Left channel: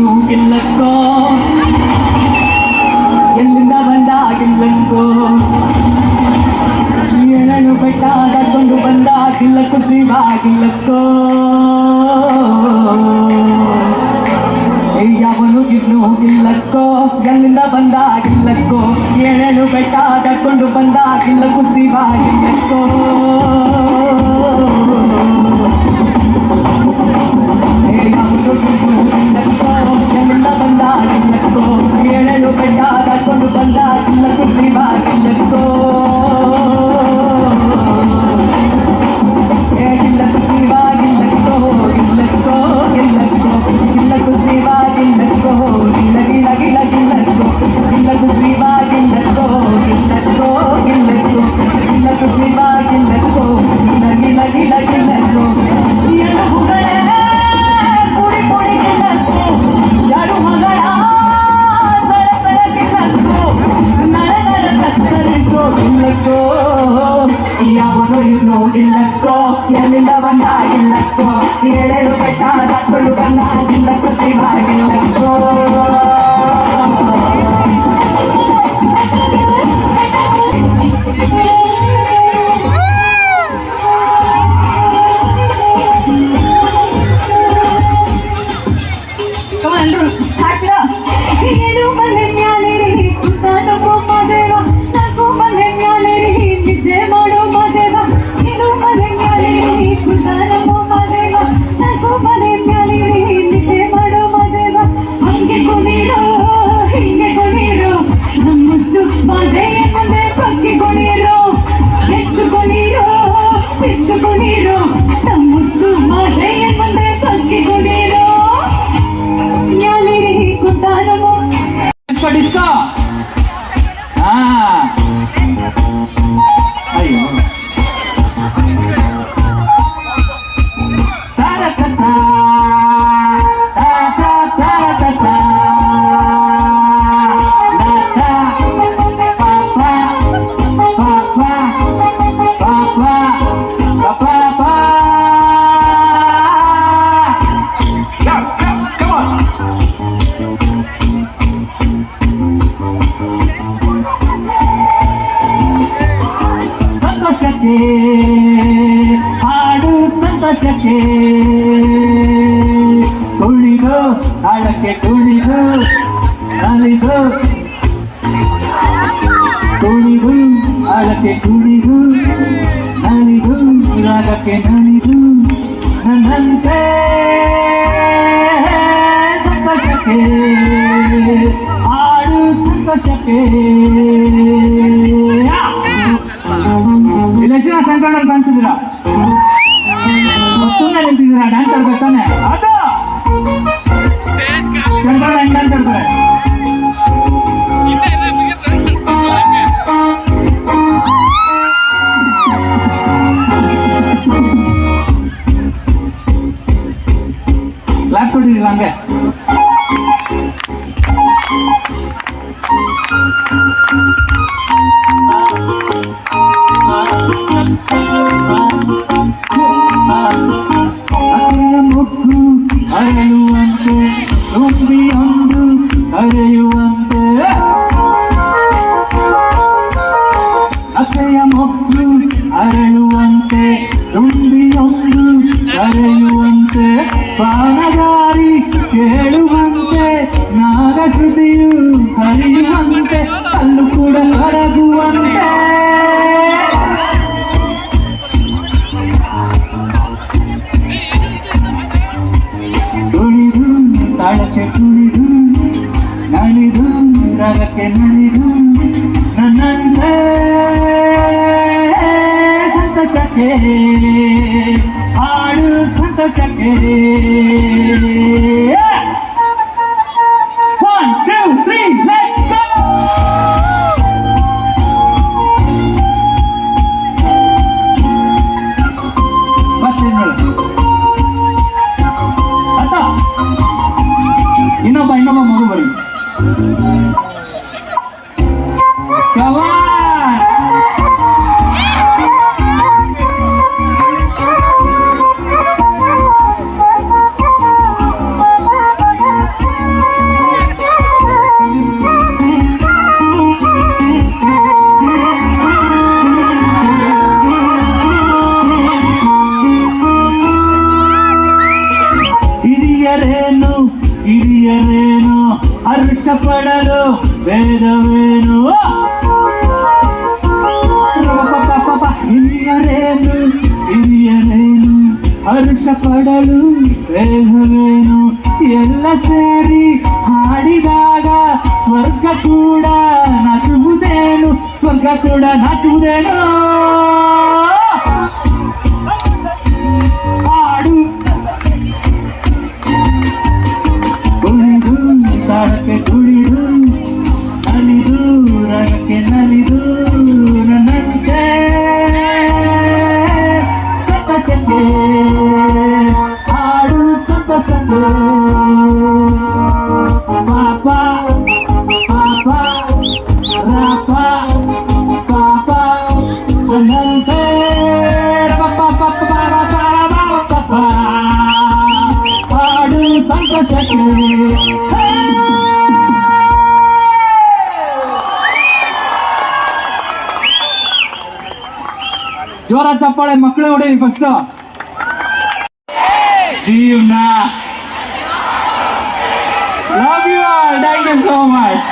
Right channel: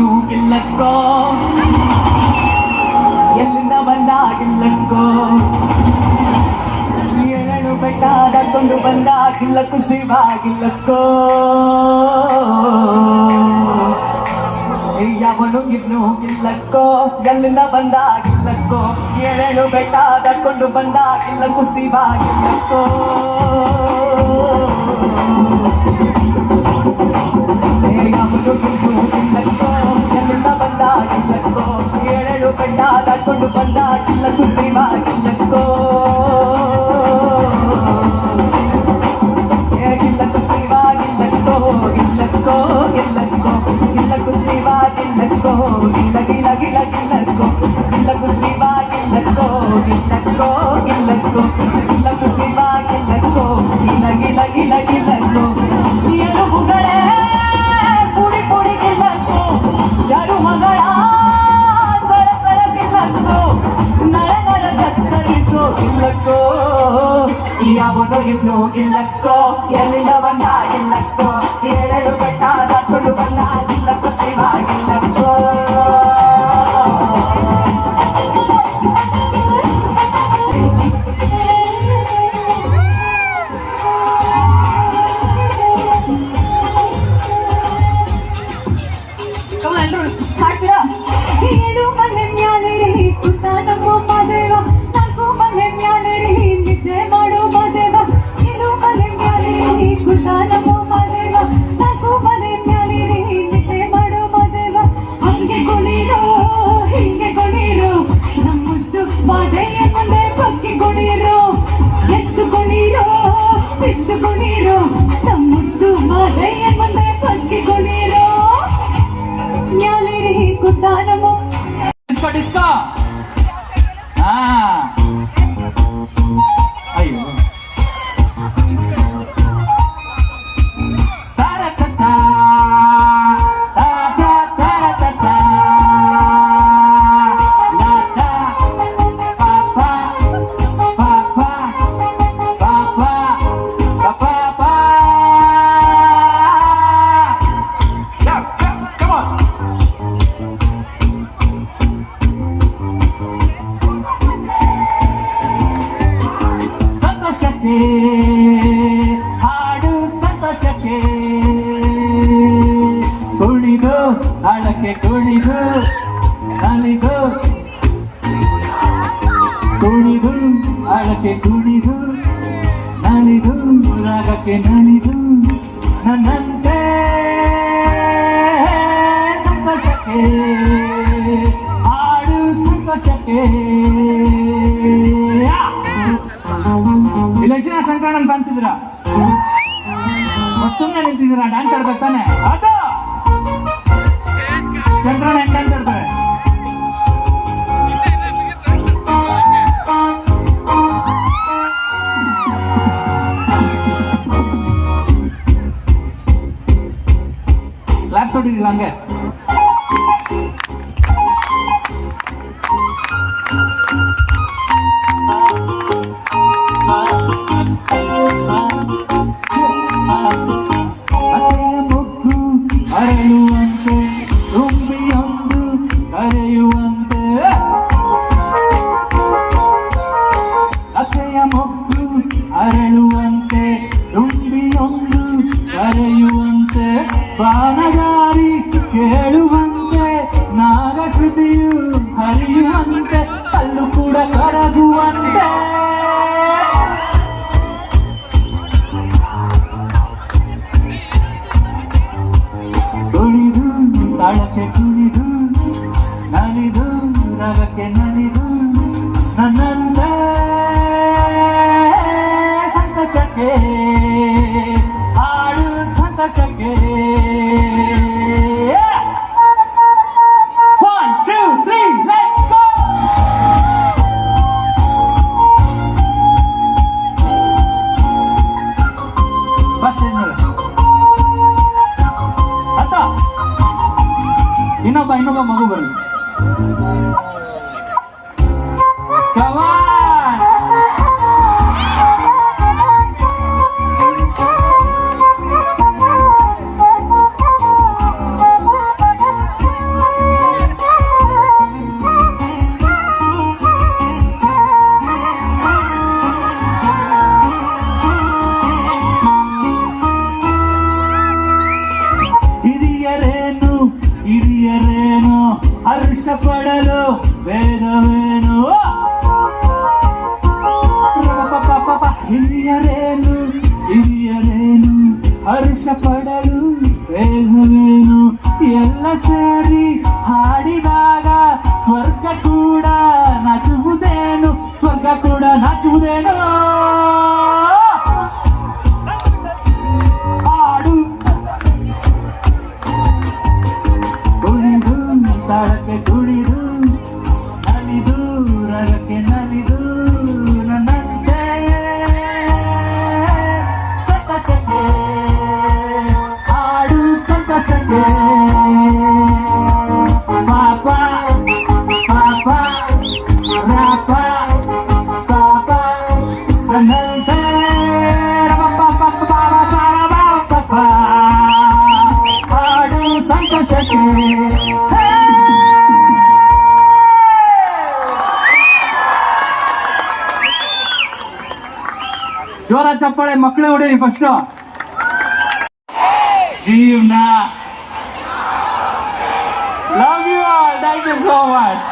ಇನ್ನು ಗಿಲ್ಲಕ್ಕೋ ಎಲ್ಲಿಂದ ಬಂದಾಗಿಲ್ಲಕ್ಕೋ ಏಳನು ಬೆಟ್ಟ ದಾಟ್ಕೊಂಡು ಬಂದಾಗಿಲ್ಲಕ್ಕೂ ಸಿವಾಗಿಲ್ಲಕ್ಕೋ ಯಾವನು ಇನ್ನು ಗಿಲ್ಲಕ್ಕೋ ಎಲ್ಲಿಂದ ಬಂದಾಗಿಲ್ಲಕ್ಕೋ ಏಳನು ಬೆಟ್ಟ ದಾಟ್ಕೊಂಡು ಬಂದಾಗಿಲ್ಲಕ್ಕೂ ಸಿವಾಗಿಲ್ಲಕ್ಕೋ ಏಳಲು ಬೆಟ್ಟ ದಾಟ್ಕೊಂಡು ಬಂದಾಗಿಲ್ಲಕ್ಕೂ ಸಿವಾಗಿಲ್ಲಕ್ಕೋ ಗಿಲ್ಲಕ್ಕೂ ಸಿವಾಗಿಲ್ಲಕ್ಕೋ ಗಿಲ್ಲಕ್ಕೋ ಗಿಲ್ಲಕ್ಕೋ ಗಿಲ್ಲಕ್ಕೂ ಸಿವಾಗಿಲ್ಲಕ್ಕೋ ಗಿಲ್ಲ ಗಿಲ್ಲ ಗಿಲ್ಲ ಗಿಲ್ಲಕ್ಕೋ ಗಿಲ್ಲಕ್ಕೂ ಸಿವಾಗಿಲ್ಲಕ್ಕೋ ಗಿಲ್ಲಕ್ಕೋ ಗಿಲ್ಲಕ್ಕೋ ಗಿಲ್ಲಕ್ಕೂ ಸಿವಾಗಿಲ್ಲಕ್ಕೋ ಗಿಲ್ಲ ಗಿಲ್ಲ ಗಿಲ್ಲ ಗಿಲ್ಲಕ್ಕೋ ಎಲುಬುಗಳೇ ಪುಡಿ ಪುಡಿ ಗಿಲ್ಲಕ್ಕೋ ಜಾಡು ಮಗಳ ಸರ ಸರ ಗಿಲ್ಲಕ್ಕೋ ನರ ನರ ಕತ್ತರಿಸೋ ಗಿಲ್ಲಕ್ಕೋ ಯಾವನು ಇನ್ನು ಗಿಲ್ಲಕ್ಕೋ ಎಲ್ಲಿಂದ ಬಂದಾಗಿಲ್ಲಕ್ಕೋ ಏಳೇಳು ಬೆಟ್ಟ ದಾಟ್ಕೊಂಡು ಬಂದಾಗಿಲ್ಲಕ್ಕೋ ಸಿವಾಗಿಲ್ಲಕ್ಕೋ डिस्को अयो ಹಾಡು ಸಂತೋಷಕ್ಕೆ ಕುಣಿದು ಹಾಡಕ್ಕೆ ಕುಣಿದು ನಲಿದು ಕುಣಿದು ಹಾಡಕ್ಕೆ ಕುಣಿದು ನಲಿದು ರಾಗಕ್ಕೆ ನಲಿದು ನನ್ನಂತೆ ಸಂತೋಷಕ್ಕೆ ಹಾಡು ಸಂತೋಷಕ್ಕೆ ಇಲೆಕ್ಷನ್ ಸಂಕ್ರಾಂತಿ ಕಾಣಿಸಿದ್ರ ಸುಮ್ಮನೆ ನಿಂತಿದ್ದೀರಾ ಡ್ಯಾನ್ಸ್ ಆಡ್ಬೇಕಾನೆ ಅದು ಸಂಕ್ರಾಂತಿ ಹೆಂಗ್ ಡ್ಯಾನ್ಸ್ ಆಡ್ತಾರೆ ಕ್ಲಾಪ್ ಕೊಟ್ಟಿರಲಿಲ್ಲ ಹಂಗೆ ಅರೆಯುವಂತೆ ತುಂಬಿಯೊಂದು ಅರೆಯುವಂತೆ ಅಕ್ಕೆಯ ಮೊಗ್ಗು ಅರಳುವಂತೆ ತುಂಬಿಯೊಂದು ಅರೆಯುವಂತೆ ಪ್ರಾಣಗಾರಿ ಕೇಳುವಂತೆ ನಾಗಶ್ರುತಿಯು ಹರಿಯುವಂತೆ ಅಲ್ಲೂ ಕೂಡ ಕರಗುವಂತೆ ಕುಣಿದು ತಾಳಕ್ಕೆ ಕುಣಿದು ನಲಿದು ರಾಗಕ್ಕೆ ನಲಿದು ನನ್ನಂತೆ ಸಂತೋಷಕ್ಕೆ ಹಾಡು ಸಂತೋಷಕ್ಕೆ 1 2 3 let's go ಫಸ್ಟ್ ಅತ್ತ ಇನ್ನೊಬ್ಬ ಮಗು ಬರಲಿ ಹಿರಿಯರೇನು ಹಿರಿಯರೇನು ಹರ್ಷ ಪಡಲು ವೇದವೇನು ಹಿರಿಯರೇನು ಹಿರಿಯರೇನು ಹರ್ಷ ಪಡಲು ವೇದವೇನು ಎಲ್ಲ ಸೇರಿ ಹಾಡಿದಾಗ ಸ್ವರ್ಗ ಕೂಡ ನಾಚುವುದೇನು ಸ್ವರ್ಗ ಕೂಡ ನಾಚುವುದೇನು ಹಾಡು ಕುಣಿದು ತಾಳಕ್ಕೆ ಕುಣಿದು ನಲಿದು ರಗಕ್ಕೆ ನಲಿದು ನನ್ನಂತೆ ಸಂತಸಕ್ಕೆ ಹಾಡು ಸಂತಸಕ್ಕೆ ಪಾಪ ಪಾಪ ರಾಪ ಪಾಪ ನನ್ನಂತೆ ಹಾಡು ಸಂತೋಷಕ್ಕೆ ಜೋರ ಚಪ್ಪಾಳೆ ಮಕ್ಕಳು ಹೊಡೀರಿ ಫಸ್ಟ್ ಜೀವನ love you all thank you so much